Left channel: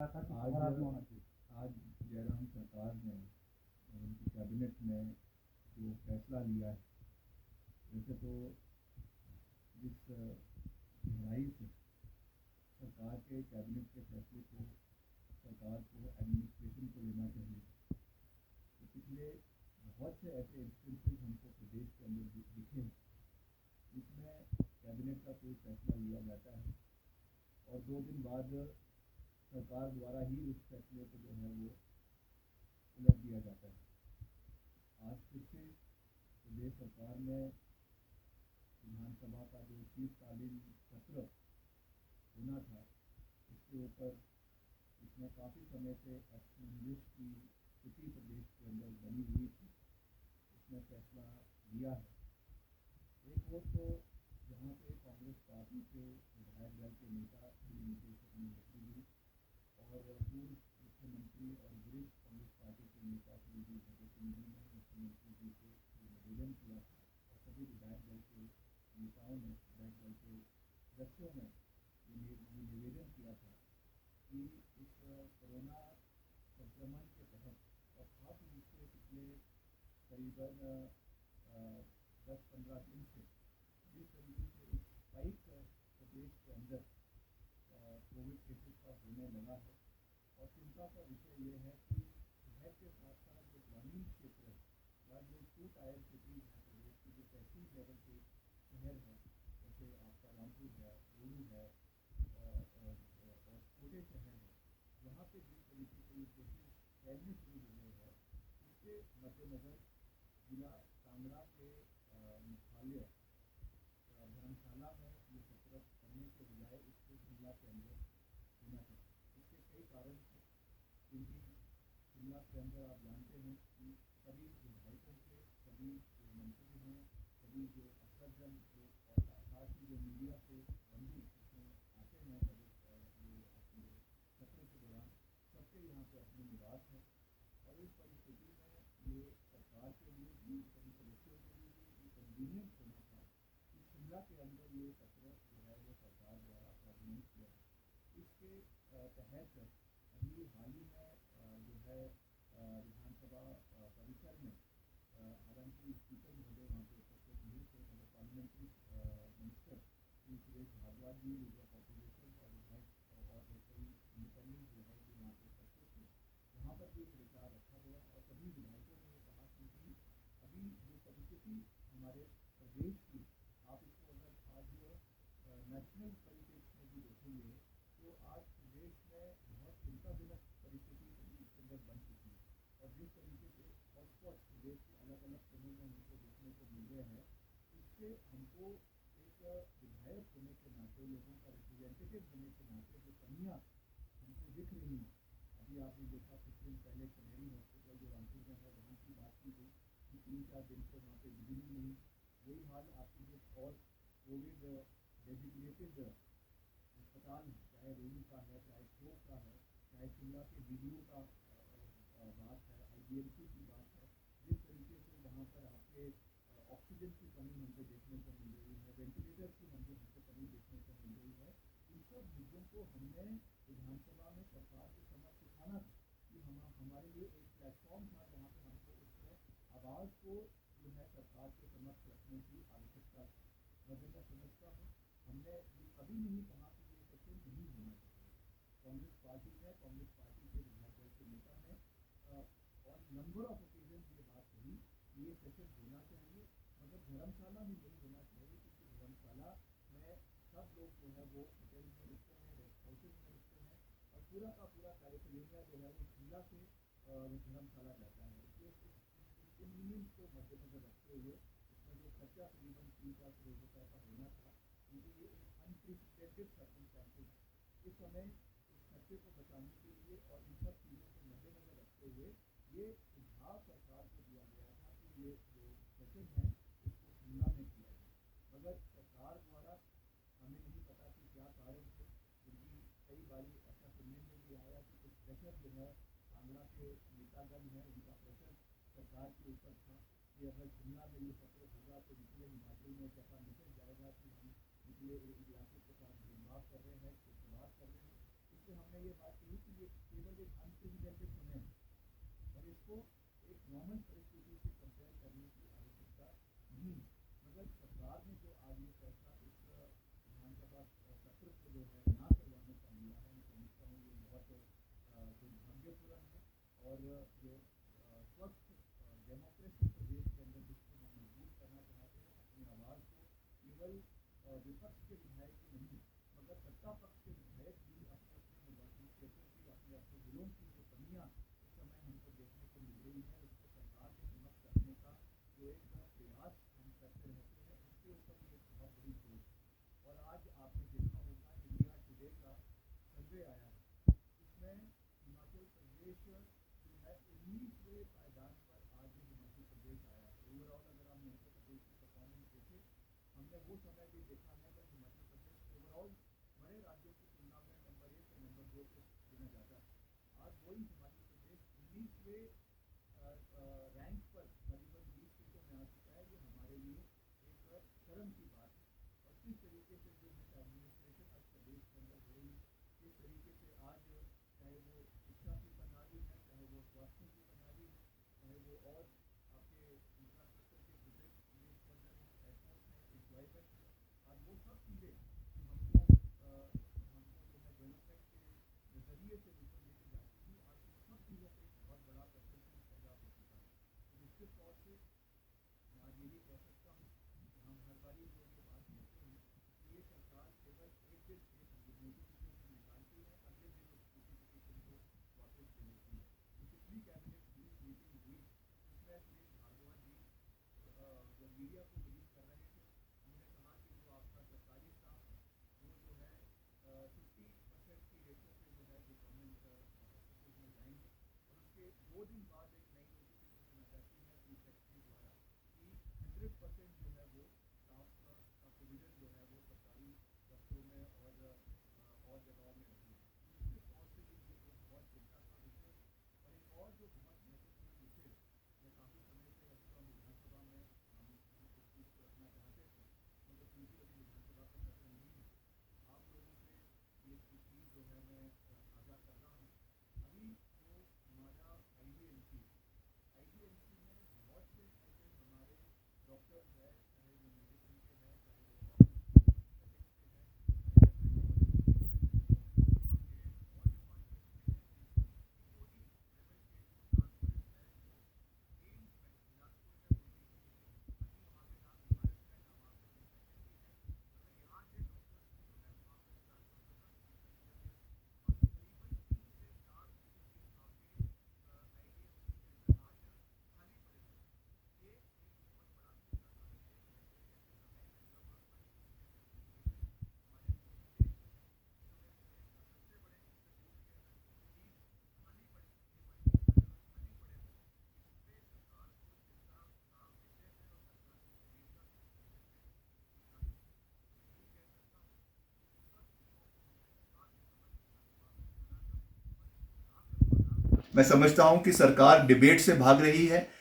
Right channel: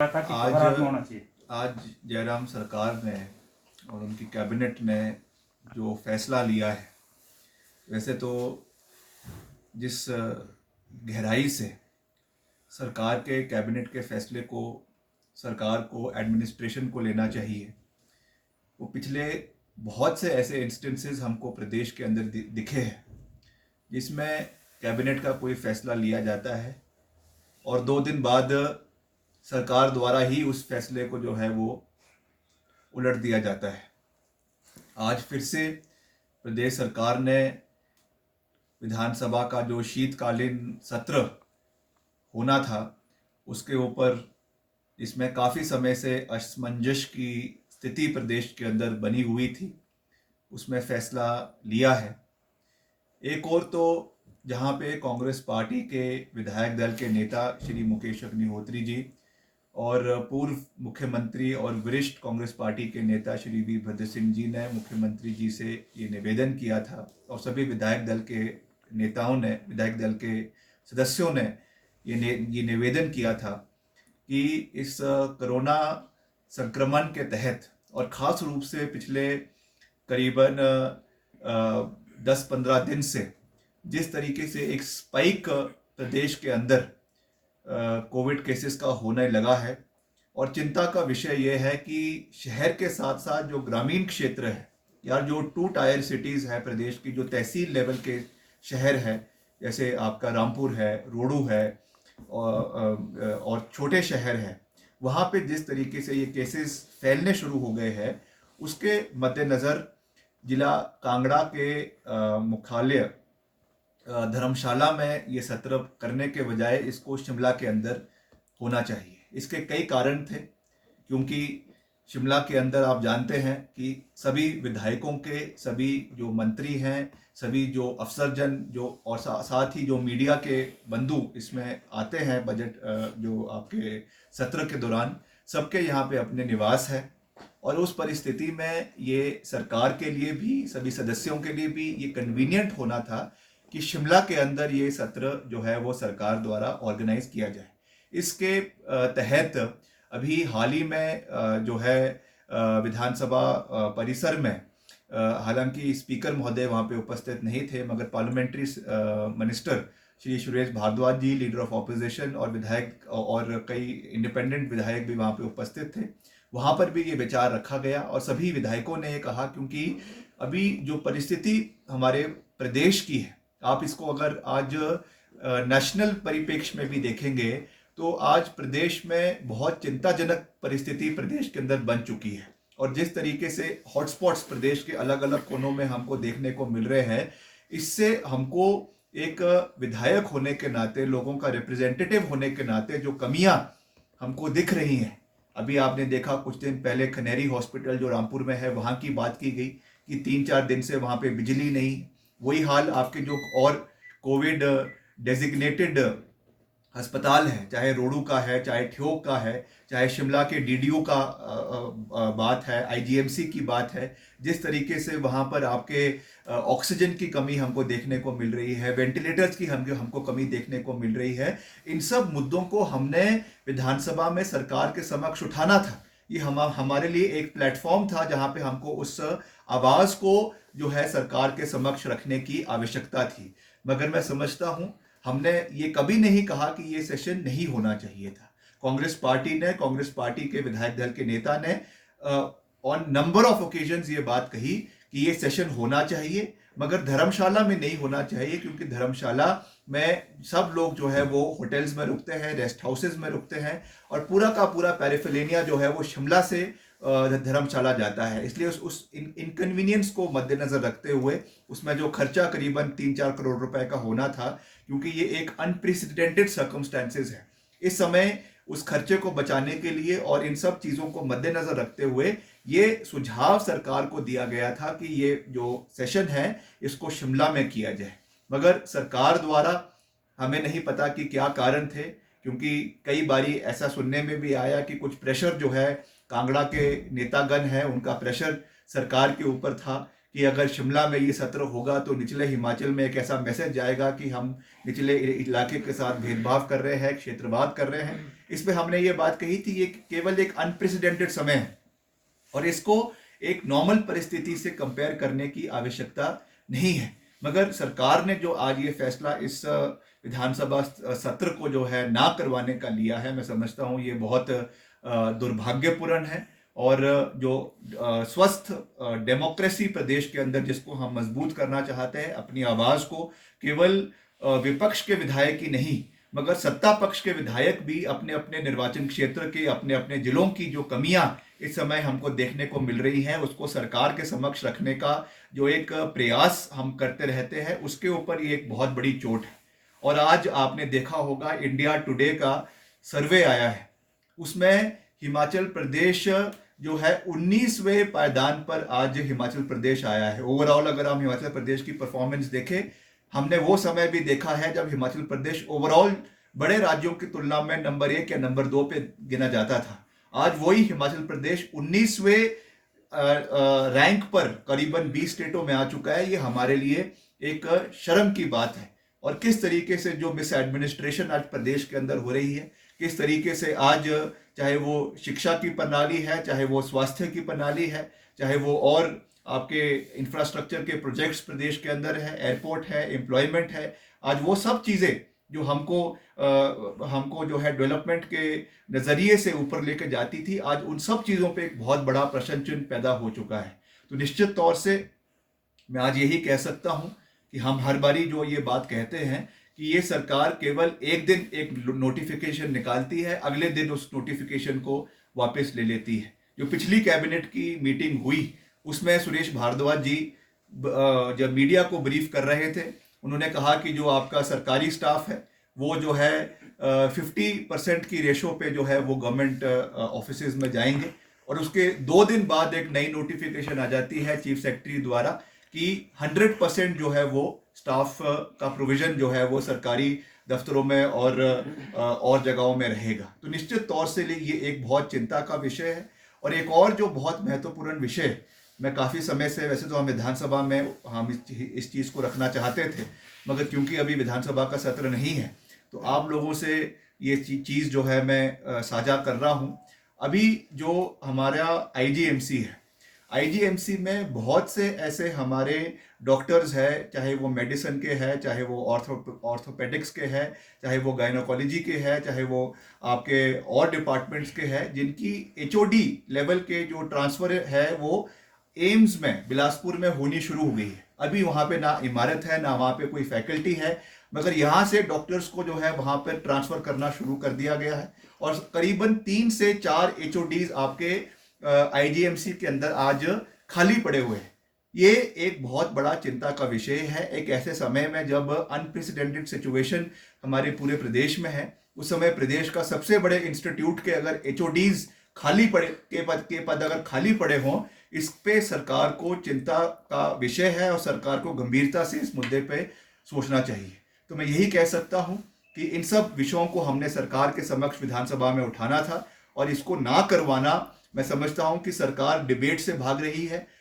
था कि आज त्योहार में होना चाहिए। आज जयराम सरकार ने और उनकी कैबिनेट ने जो फैसला लिया है, वैसे तो जिस गहराई से सरकार के कैबिनेट के फैसले को सरकार को एडमिनिस्ट्रेशन को लेना चाहिए, वो पिछले बहुत से ऐसे इंस्टेंसेस हमको प्रदेश के अंदर दिखे हैं जिसमें कैबिनेट का कोई फैसला लिया जाता है और 2 दिन बाद सरकार द्वारा ही उस फैसले को जो है वो उलट दिया जाता है। आज फिर से प्रदेश सरकार ने विधानसभा का जो शीतकालीन सत्र होना था उसके ऊपर, इसमें काफ़ी समय से असमंजस की स्थिति प्रदेश के अंदर बनी हुई थी, उसमें फैसला लिया है। एक और तो जहाँ पे कांग्रेस पार्टी के विधायक दल के नेता श्री मुकेश अग्निहोत्री जी और पूर्व मुख्यमंत्री और वरिष्ठ कांग्रेस पार्टी के नेता श्री वीरभद्र सिंह जी ने मुख्यमंत्री जी से ये निवेदन किया था और सभी विधायक दल के नेताओं ने, विधायक दल के सदस्यों ने ये निवेदन किया था कि इस कोरोना संक्रमण के तहत और ख़ास रूप से पिछले करीबन 10-15 दिन से जिस तरीके से एक स्पाइक प्रदेश के अंदर कोविड केसेस का होने लगा है, और चिंता का विषय यह है कि शहर के साथ साथ जो ग्रामीण क्षेत्र है या जो 2 टायर सिटीज़ है प्रदेश की, जो तहसील लेवल के शहर है, जैसे आपका रामपुर है, रोडू है और छोटे शहर हैं, वहाँ पे जिस तरीके से ये केसेस फैलने शुरू हो गए हैं, उसके मद्देनज़र जिला कांगड़ा के मुख्यालय धर्मशाला में ये सत्र करने के बजाय इसको शिमला के अंदर होना चाहिए। इसके कई कारण थे, क्योंकि शिमला के अंदर आप जानते हैं कि सभी विधायकों के, सभी जो मंत्री हैं, सभी जो अफसरजन जो और साथ ही जो मीडिया के बंधु इसमें आते हैं बजट जो आपके सत्र के दौरान, सबके यहाँ पे अपने निवास है। और उस परिस्थिति में ये सरकार के लिए भी, सभी सदस्यों के लिए भी ये कन्वीनियंट होना था कि शिमला के अंदर ये सत्र जो है वो सरकार द्वारा ऑर्गेनाइज किया जाए। इसके तहत अभी हाल ही में जो है विधानसभा परिसर में, हालांकि स्पीकर महोदय वहाँ पे उपस्थित नहीं थे, मगर parliamentary minister Shri Suresh Bhardwaj ji, leader of opposition, और विधायक और कई इंडिपेंडेंट विधायक भी वहाँ पे उपस्थित थे। वहाँ पर भी ये विचार रखा गया और सभी विधायकों ने ये कहा, क्योंकि अभी जो परिस्थिति हमारे प्रदेश की है, आप इसको अगर आज नेशनल परिप्रेक्ष्य में भी देखेंगे तो आज प्रदेश में बहुत चिंताजनक परिस्थिति प्रदेश के अंदर बन चुकी है। और जिस तरीके से हॉटस्पॉट्स प्रदेश के अलग अलग कोनों में हमको देखने को मिल रहे हैं, इससे हमको एक विधायक होने के नाते, लोगों का रिप्रेजेंटेटिव होने के नाते जो कमियां हमको दिख रही हैं, अभी आपने देखा कुछ दिन पहले खनेरी हॉस्पिटल जो रामपुर में है, वहाँ की बात की गई कि 3-4 दिन से वहाँ पे बिजली नहीं। वही हाल आपके जो और कोविड डेजिग्नेटेड अस्पताल है, चाहे रोडू का है, चाहे ठियोग का है, चाहे शिमला के डीडीयू का बात है, आईजीएमसी की बात है, जिस तरीके से वहाँ पर आपके ऑक्सीजन की कमी हमको देखने को मिल रही है, वेंटिलेटर्स की हमको कमी देखने को मिल रही है। इन सब मुद्दों को हमने विधानसभा में सरकार के समक्ष उठाना था। ये हमारे लिए एक प्लेटफॉर्म था जहाँ पे हमको उस आवाज़ को जो है सरकार के समक्ष रखने की आवश्यकता थी। मगर मैं समझता हूँ हमने ये कभी नहीं कहा कि ये सेशन नहीं होना चाहिए था। कांग्रेस पार्टी ने, कांग्रेस पार्टी के विधायक दल के नेता ने ऑन नंबर ऑफ ओकेजन्स ये बात कही कि ये सेशन होना चाहिए, मगर धर्मशाला में नहीं होना चाहिए, क्योंकि धर्मशाला में सब लोग जो है वो होटल्स में रुकते हैं, रेस्ट हाउसेज में रुकते हैं, और पूरा का पूरा पैराफिलेनिया जो है वो शिमला से धर्मशाला जाता है। इसलिए उस इनकन्वीनियंस को मद्देनजर रखते हुए उसमें जो खर्चा करीबन 3-4 करोड़ रुपए का होना था, क्योंकि ये एक अनप्रेसिडेंटेड सर्कमस्टेंसेस है, इस समय उस खर्चे को बचाने के लिए और इन सब चीज़ों को मद्देनजर रखते हुए ये सुझाव सरकार को दिया गया था कि ये जो सेशन है इसको शिमला में किया जाए। मगर सरकार द्वारा हमें नहीं पता कि क्या कारण थे, क्योंकि कई बारी ऐसा सुनने में भी आया कि कुछ प्रेशर जो है कांगड़ा के नेतागण हैं, उनका प्रेशर सरकार के ऊपर था कि अगर शिमला में ये सत्र होगा तो निचले हिमाचल में एक ऐसा मैसेज जाएगा कि हम निचले इलाके के साथ भेदभाव कर रहे हैं, क्षेत्रवाद कर रहे हैं। इस पे हमने ये बात कही थी, ये केवल एक अनप्रेसिडेंटेड समय है और इसको एक नॉर्मल परिस्थिति से कंपेयर करने की आवश्यकता नहीं है। मगर सरकार ने जो आज ये फैसला इस विधानसभा सत्र को जो है ना करवाने का लिया है, मैं समझता हूँ ये बहुत दुर्भाग्यपूर्ण है। और जो स्वस्थ डेमोक्रेसी प्रदेश के अंदर जिसको हम मजबूत करना चाहते हैं, अपनी आवाज़ को केवल विपक्ष के विधायक ही नहीं मगर सत्ता पक्ष के विधायक भी अपने अपने निर्वाचन क्षेत्र के, अपने अपने जिलों की जो कमियां इस समय हमको देखने को मिल रही हैं, उसको सरकार के समक्ष रखने का जो एक प्रयास हम करते रहते हैं, उसके ऊपर ये एक बहुत बड़ी चोट है। और आज आपने देखा होगा इंडिया टुडे का सर्वे आया है, उसमें हिमाचल प्रदेश जो है 19वें पायदान पर आज हिमाचल प्रदेश आया है। ओवरऑल अगर हम हिमाचल प्रदेश की परफॉर्मेंस देखें, हमने वो समय भी देखा है जब हिमाचल प्रदेश ओवरऑल बड़े राज्यों की तुलना में नंबर 1 या नंबर 2 पे गिना जाता था। आज वही हिमाचल प्रदेश 19वें रैंक पर करीबन 20 स्टेटों में आ चुका है। ये हमारे लिए एक शर्म की बात है। और किस तरीके से जो मिस एडमिनिस्ट्रेशन आज प्रदेश के अंदर हो रही है, किस तरीके से आज चाहे वो शिक्षा की प्रणाली है, चाहे वो स्वास्थ्य की प्रणाली है, चाहे वो और आपके इंफ्रास्ट्रक्चर के प्रोजेक्ट्स प्रदेश के अंदर है, एयरपोर्ट है, एम्प्लॉयमेंट है, आज वो सब चीज़ें जो हमको जो है डेवलपमेंट के नज़रिए से ऊपर लेके जाती थी, आज उन सब चीज़ों पे एक बहुत बड़ा प्रश्न चिन्ह पैदा हो चुका है। तो निश्चित तौर से मैं आज यही कह सकता हूँ कि हम हर बारी जो ये बात कहते हैं कि ये सरकार केवल एक दिन एक नोटिफिकेशन निकालती है, अगले दिन उस नोटिफिकेशन को वापस ले लेती है। जो पिछली कैबिनेट की मीटिंग हुई उसमें सुरेश भारद्वाज जी जब मीडिया को ब्रीफ कर रहे थे, उन्होंने कहा कि जो आपका सरकारी स्टाफ है वो जो है 50% की रेशो पे जो है वो गवर्नमेंट ऑफिसेज में जाएंगे। और उसके 2 दिन बाद एक नई नोटिफिकेशन आ जाती है चीफ सेक्रेटरी द्वारा कि 100% जो है वो स्टाफ का प्रोविजन जो है वो सरकारी दफ्तरों में और जगहों में रहेगा। तो निश्चित तौर से ये एक बहुत चिंता का विषय है। और एक और जो बहुत महत्वपूर्ण विषय, मैं काफ़ी समय से, वैसे तो हम विधानसभा में हम इस चीज़ को रखना चाहते थे, मगर क्योंकि अभी विधानसभा का सत्र नहीं है तो आप लोगों से ये चीज़ जो है मैं साझा कर रहा हूँ। अभी जो हमारा आईजीएमसी है, आईजीएमसी में बहुत से ऐसे हमारे डॉक्टर्स हैं, चाहे वो मेडिसिन के हैं, चाहे वो ऑर्थोपेडिक्स के हैं, चाहे वो गायनोकोलॉजी के हैं, चाहे वो आपके और डिपार्टमेंट्स के हैं, जिनकी एचओडी लेवल के जो ट्रांसफ़र है वो एम्स में बिलासपुर में होनी शुरू हो गई है। अभी वहाँ पे ना इमारत है, ना वहाँ पे कोई फैकल्टी है, मगर यहाँ से डॉक्टर्स को जो है वहाँ पर ट्रांसफ़र करना शुरू कर दिया गया है। और करीबन 3 से 4 एचओडीज आपके आईजीएमसी के अंदर आज खाली पड़े हुए हैं। ये एक बहुत बड़ा चिंता का विषय है। एक ऐसे समय में जब अनप्रेसिडेंटेड सिचुएशन हमारे पूरे प्रदेश में है, उस समय प्रदेश का सबसे बड़े इंस्टीट्यूट के अगर एचओडीज खाली पड़े के पद अगर खाली पड़े हों, इस पे सरकार को चिंता का विषय है और सरकार को गंभीरता से इस मुद्दे पे सोचना चाहिए। तो मैं यही कह सकता हूँ कि इन सब विषयों को हमने सरकार के समक्ष विधानसभा में उठाना था और इसको ना करवाना, मैं समझता हूँ कि सरकार डिबेट से भाग रही है।